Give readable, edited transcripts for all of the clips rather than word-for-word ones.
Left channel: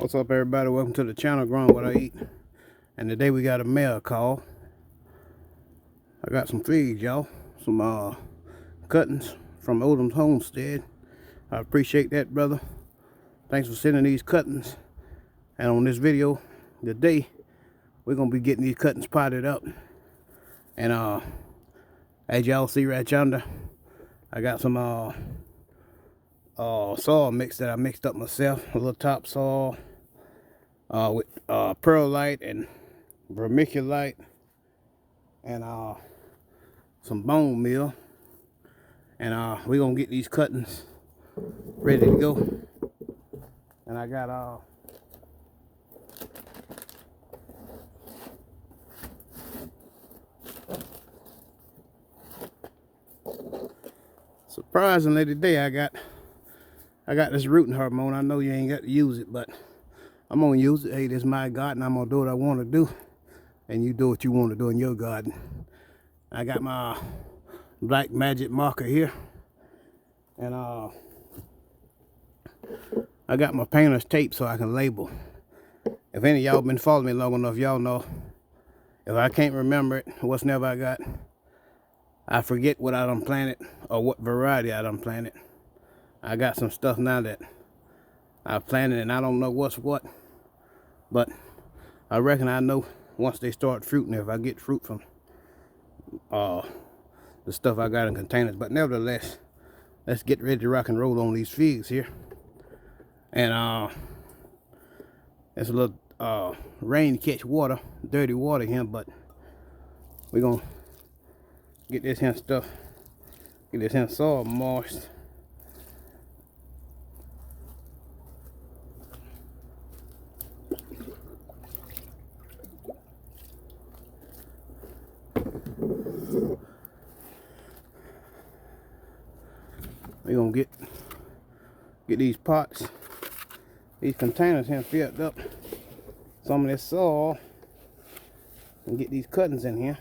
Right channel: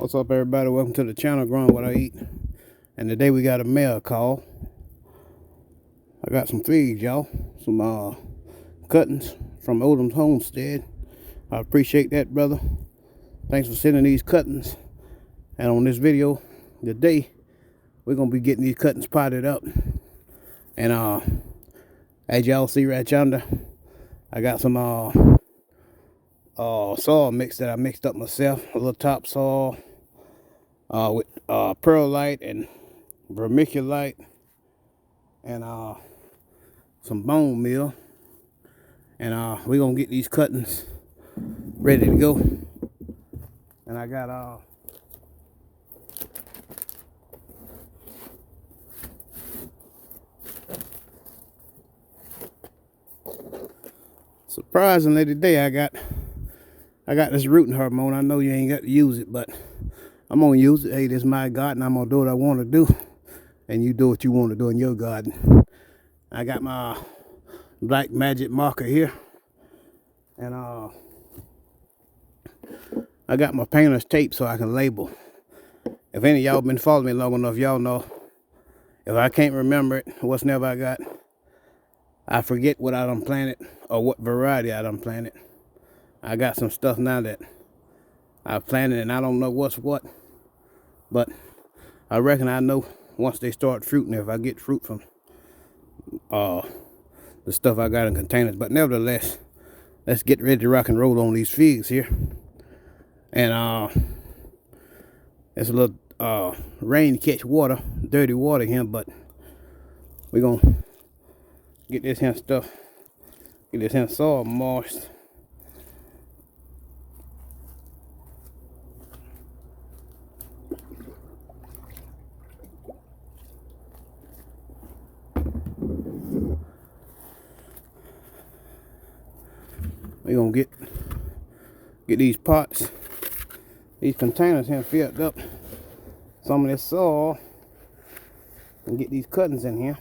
What's up, everybody? Welcome to the channel, Growing What I Eat. And today we got a mail call. I got some figs, y'all. Some cuttings from Odom's homestead. I appreciate that, brother. Thanks for sending these cuttings. And on this video today, we're gonna be getting these cuttings potted up. And as y'all see right yonder, I got some soil mix that I mixed up myself. A little topsoil with perlite and vermiculite and some bone meal. And we're gonna get these cuttings ready to go. And I got surprisingly today I got this rooting hormone. I know you ain't got to use it, but I'm gonna use it. Hey, this is my garden. I'm gonna do what I want to do, and you do what you want to do in your garden. I got my black magic marker here, and I got my painter's tape so I can label. If any of y'all been following me long enough, y'all know if I can't remember it, what's never I got, I forget what I done planted or what variety I done planted. I got some stuff now that I planted and I don't know what's what, but I reckon I know once they start fruiting if I get fruit from the stuff I got in containers. But nevertheless, let's get ready to rock and roll on these figs here. And it's a little rain catch water, dirty water here, but we're gonna get this here stuff, get this here soil moist. We're gonna get these pots, these containers here filled up, some of this soil, and get these cuttings in here.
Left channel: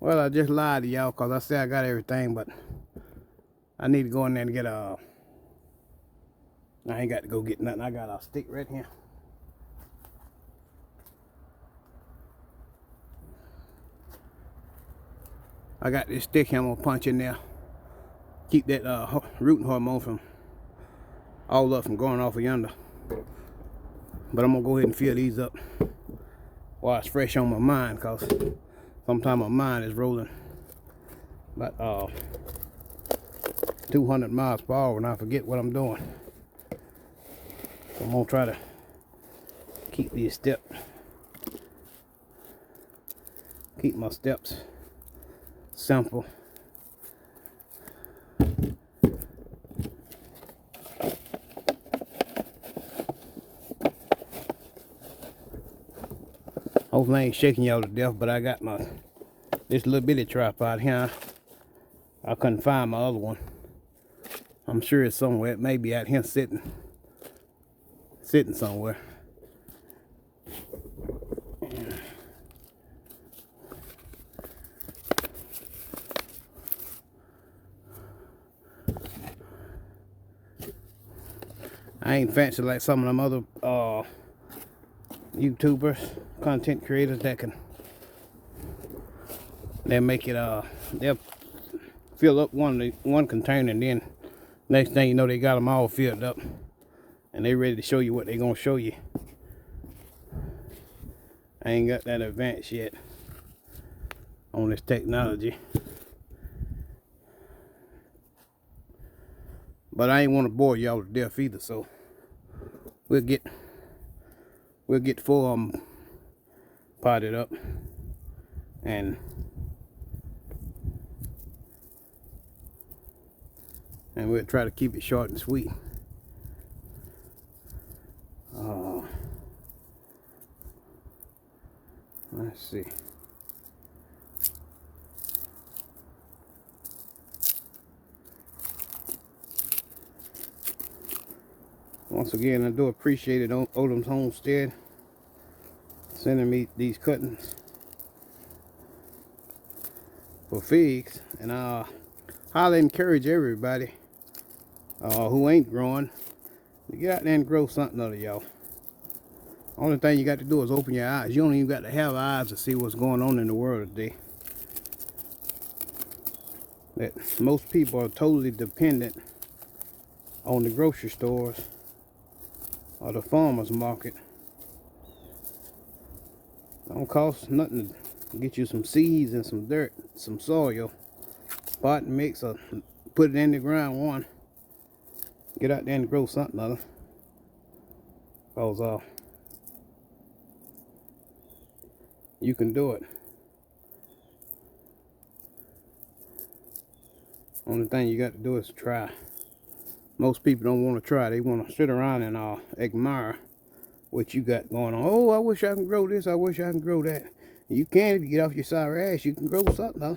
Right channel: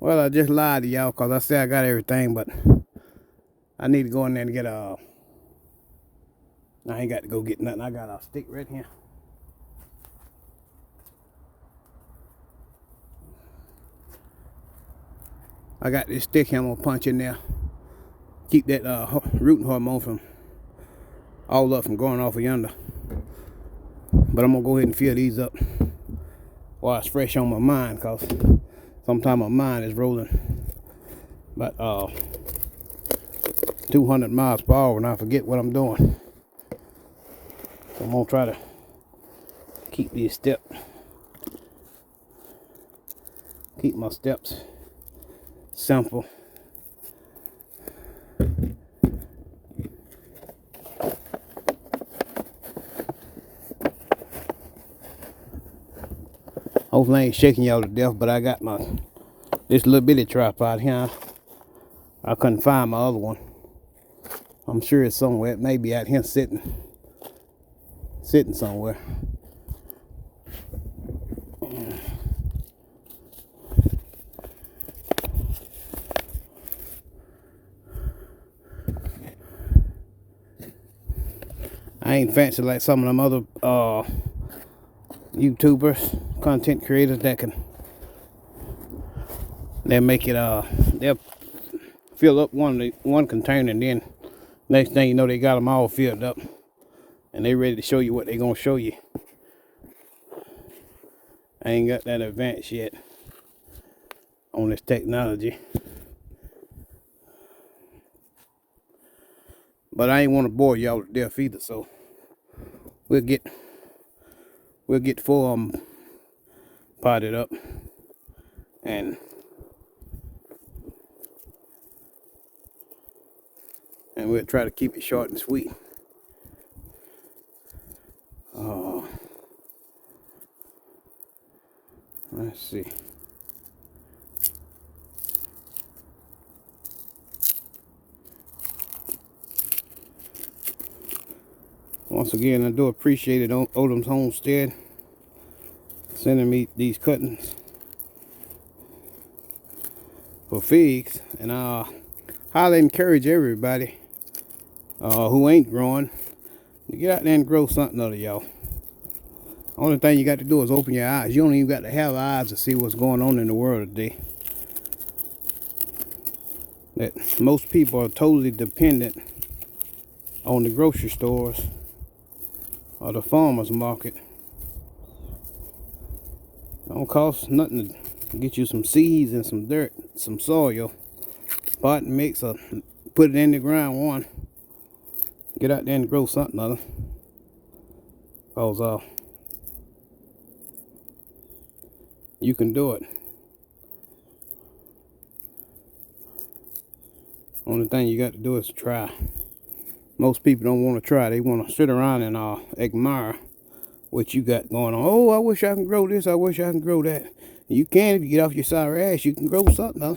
Well, I just lied to y'all because I said I got everything, but I need to go in there and get I ain't got to go get nothing. I got a stick right here. I got this stick here I'm gonna punch in there. Keep that rooting hormone from all up from going off of yonder. But I'm gonna go ahead and fill these up while it's fresh on my mind, cause sometimes my mind is rolling about 200 miles per hour and I forget what I'm doing. So I'm gonna try to keep these steps, keep my steps simple. Hopefully I ain't shaking y'all to death, but I got this little bitty tripod here. I couldn't find my other one. I'm sure it's somewhere. It may be out here sitting somewhere. I ain't fancy like some of them other YouTubers, content creators that they'll make it they'll fill up one container and then next thing you know they got them all filled up and they ready to show you what they gonna show you. I ain't got that advance yet on this technology, but I ain't want to bore y'all to death either, so we'll get 4 of them potted up and we'll try to keep it short and sweet. Let's see. Once again, I do appreciate it, Odom's Homestead, sending me these cuttings for figs. And highly encourage everybody who ain't growing, to get out there and grow something other, y'all. Only thing you got to do is open your eyes. You don't even got to have eyes to see what's going on in the world today. That most people are totally dependent on the grocery stores or the farmer's market. It don't cost nothing to get you some seeds and some dirt, some soil, pot and mix, or put it in the ground. One, get out there and grow something other. Cause you can do it. Only thing you got to do is try. Most people don't want to try. They want to sit around and admire what you got going on. Oh, I wish I can grow this. I wish I can grow that. You can if you get off your sour ass. You can grow something, huh?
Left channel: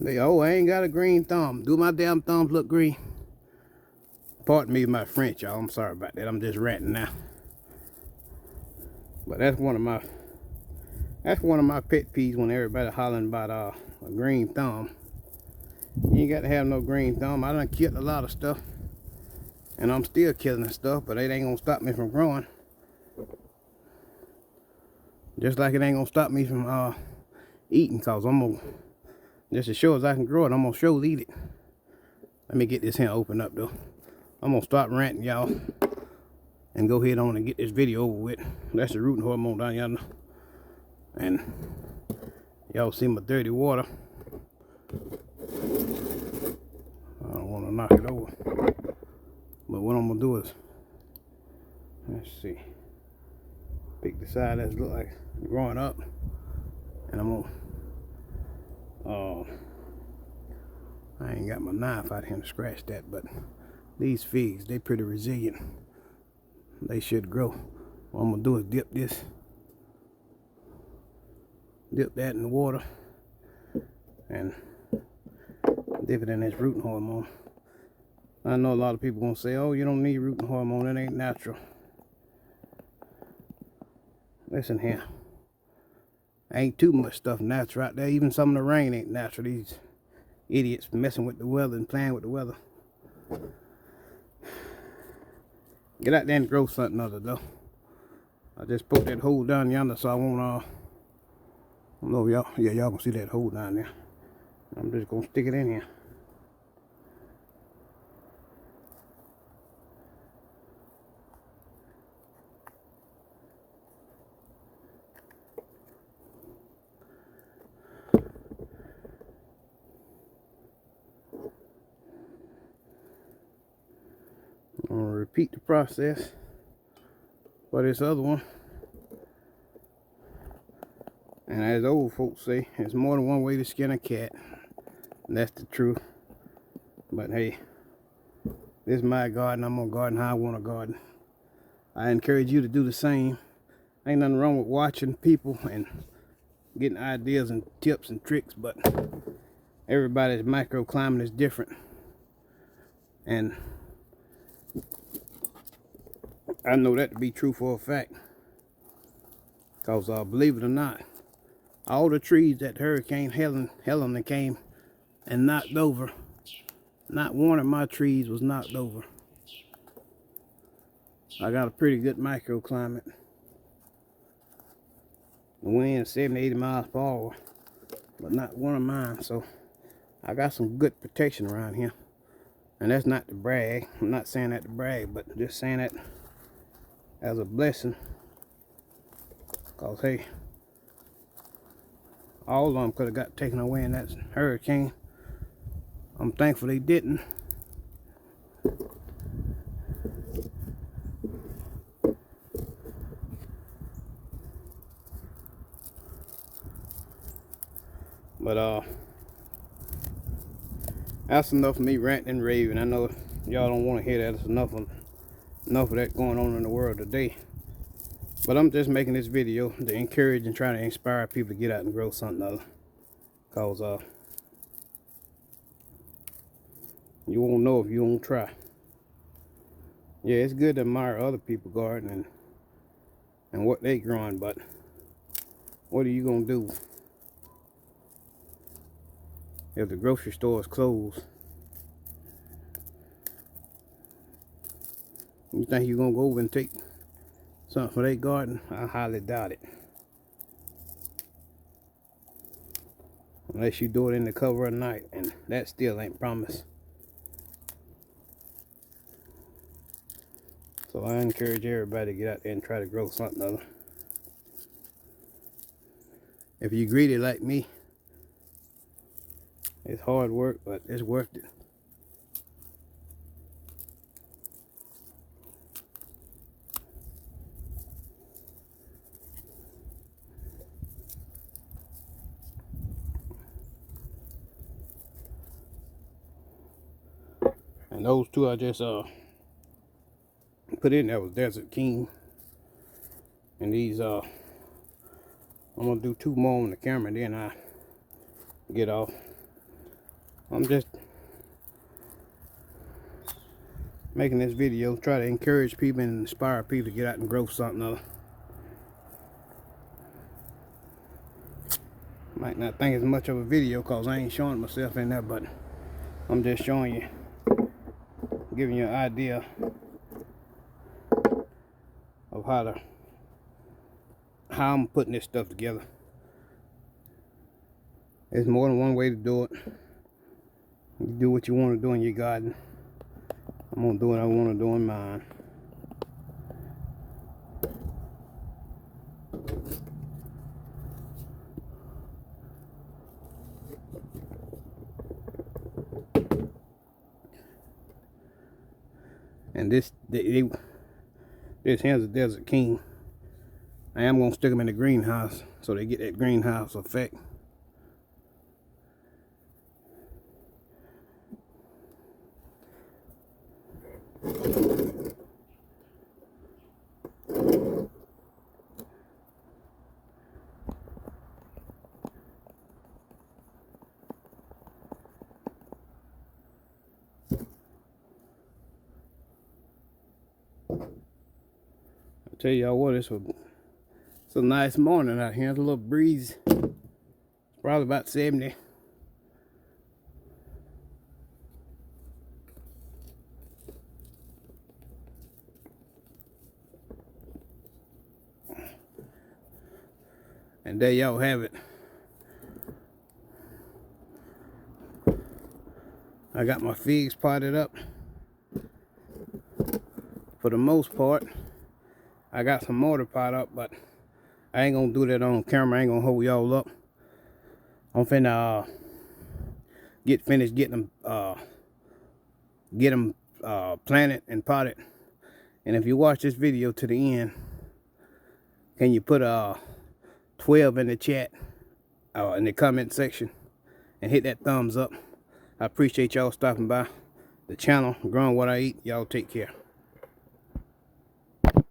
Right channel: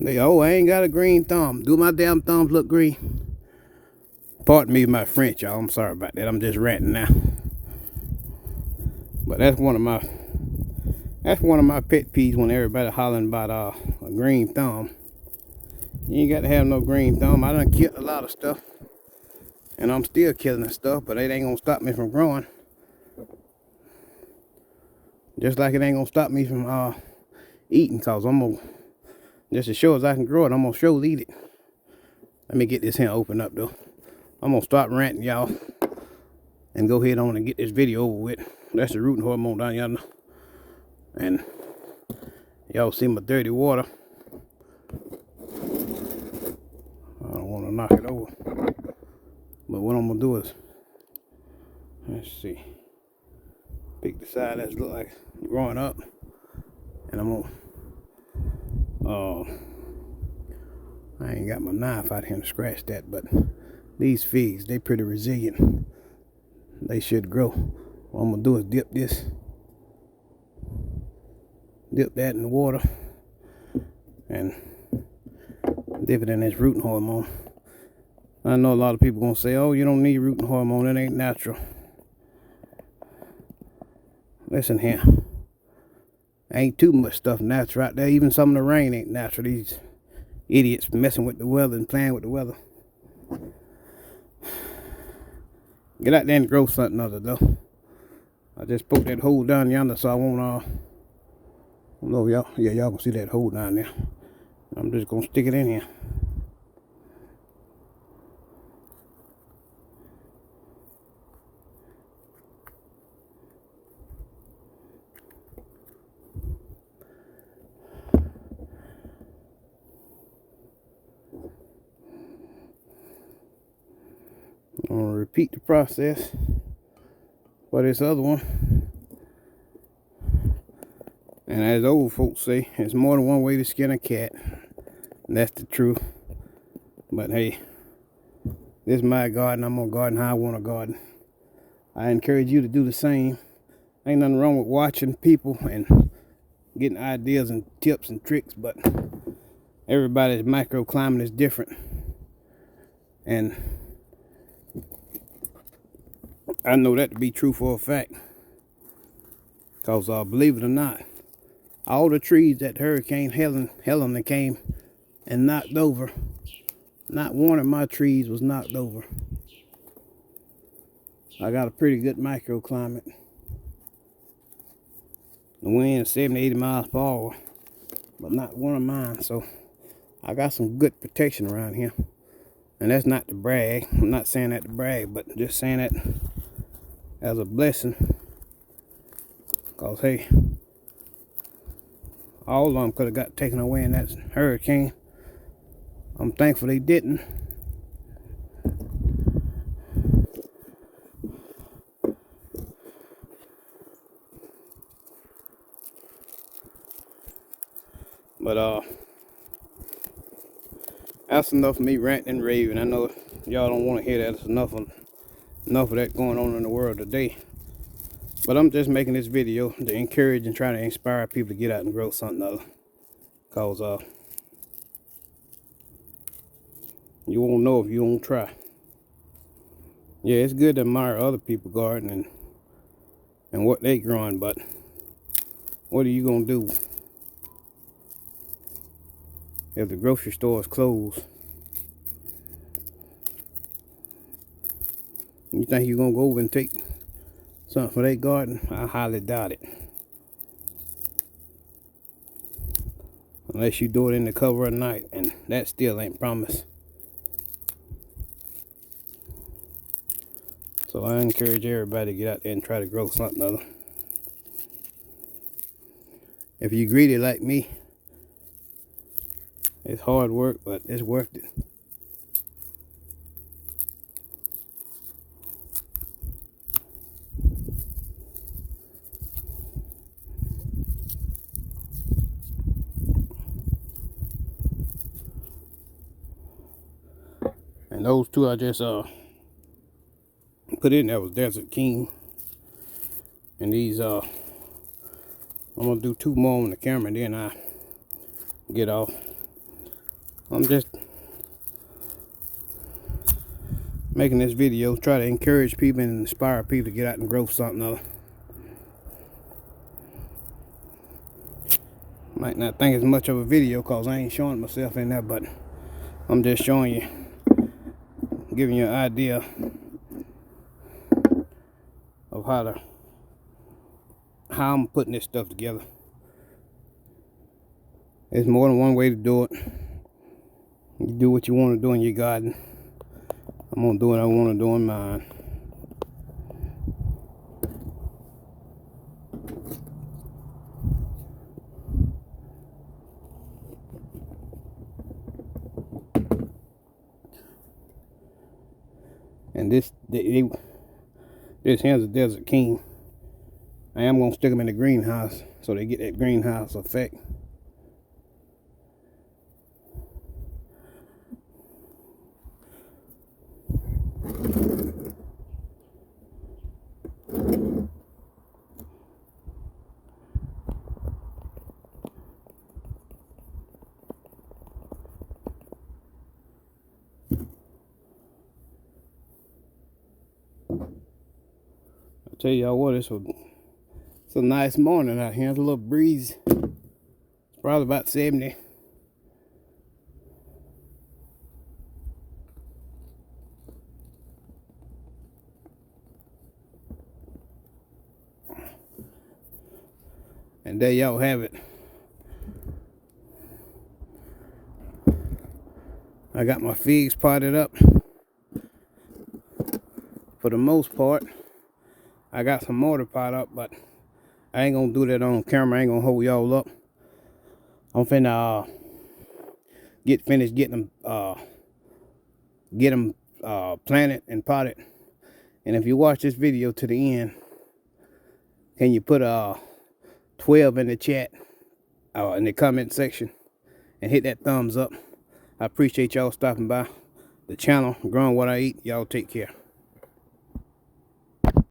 They, oh, I ain't got a green thumb. Do my damn thumbs look green? Pardon me my French, y'all. I'm sorry about that. I'm just ranting now. But that's one of my pet peeves when everybody hollering about a green thumb. You ain't got to have no green thumb. I done killed a lot of stuff, and I'm still killing stuff, but it ain't gonna stop me from growing. Just like it ain't gonna stop me from eating, cause I'm gonna, just as sure as I can grow it, I'm gonna sure eat it. Let me get this hand open up though. I'm gonna stop ranting, y'all, and go ahead on and get this video over with. That's the rooting hormone down yonder, and y'all see my dirty water. I don't want to knock it over, but what I'm gonna do is, let's see, pick the side that's look like growing up, and I'm gonna I ain't got my knife out here to scratch that, but these figs, they pretty resilient. They should grow. What I'm gonna do is dip that in the water and dip it in this rooting hormone. I know a lot of people gonna say, oh, you don't need rooting hormone, that ain't natural. Listen here, ain't too much stuff natural out there. Even some of the rain ain't natural. These idiots messing with the weather and playing with the weather. Get out there and grow something other though. I just poked that hole down yonder so I won't I don't know if y'all, yeah, y'all can see that hole down there. I'm just gonna stick it in here. I'm gonna repeat the process for this other one. And as old folks say, it's more than one way to skin a cat. And that's the truth. But hey, this is my garden. I'm gonna garden how I want to garden. I encourage you to do the same. Ain't nothing wrong with watching people and getting ideas and tips and tricks, but everybody's microclimate is different. And I know that to be true for a fact. Because believe it or not, all the trees that Hurricane Helen came and knocked over, not one of my trees was knocked over. I got a pretty good microclimate. The wind 70, 80 miles per hour, but not one of mine. So I got some good protection around here. And that's not to brag. I'm not saying that to brag, but just saying that as a blessing. Because hey, all of them could have got taken away in that hurricane. I'm thankful they didn't. But that's enough of me ranting and raving. I know y'all don't want to hear that. It's enough of that going on in the world today. But I'm just making this video to encourage and try to inspire people to get out and grow something other. Cause you won't know if you don't try. Yeah, it's good to admire other people gardening and what they growing, but what are you gonna do if the grocery store is closed? You think you're gonna go over and take something for their garden? I highly doubt it. Unless you do it in the cover of night, and that still ain't promised. So I encourage everybody to get out there and try to grow something other. If you're greedy like me, it's hard work, but it's worth it. And those two I just put in there was Desert King. And these I'm gonna do 2 more on the camera and then I get off. I'm just making this video, try to encourage people and inspire people to get out and grow something other. Might not think it's much of a video because I ain't showing myself in there, but I'm just showing you, giving you an idea of how I'm putting this stuff together. There's more than one way to do it. You do what you want to do in your garden. I'm gonna do what I want to do in mine. And this here's a Desert King. I am gonna stick them in the greenhouse so they get that greenhouse effect. I tell y'all what, it's a nice morning out here. There's a little breeze. It's probably about 70. And there y'all have it. I got my figs potted up. For the most part, I got some mortar pot up, but I ain't gonna do that on camera. I ain't gonna hold y'all up. I'm finna get finished getting them planted and potted. And if you watch this video to the end, can you put 12 in the chat, in the comment section, and hit that thumbs up? I appreciate y'all stopping by the channel, growing what I eat. Y'all take care.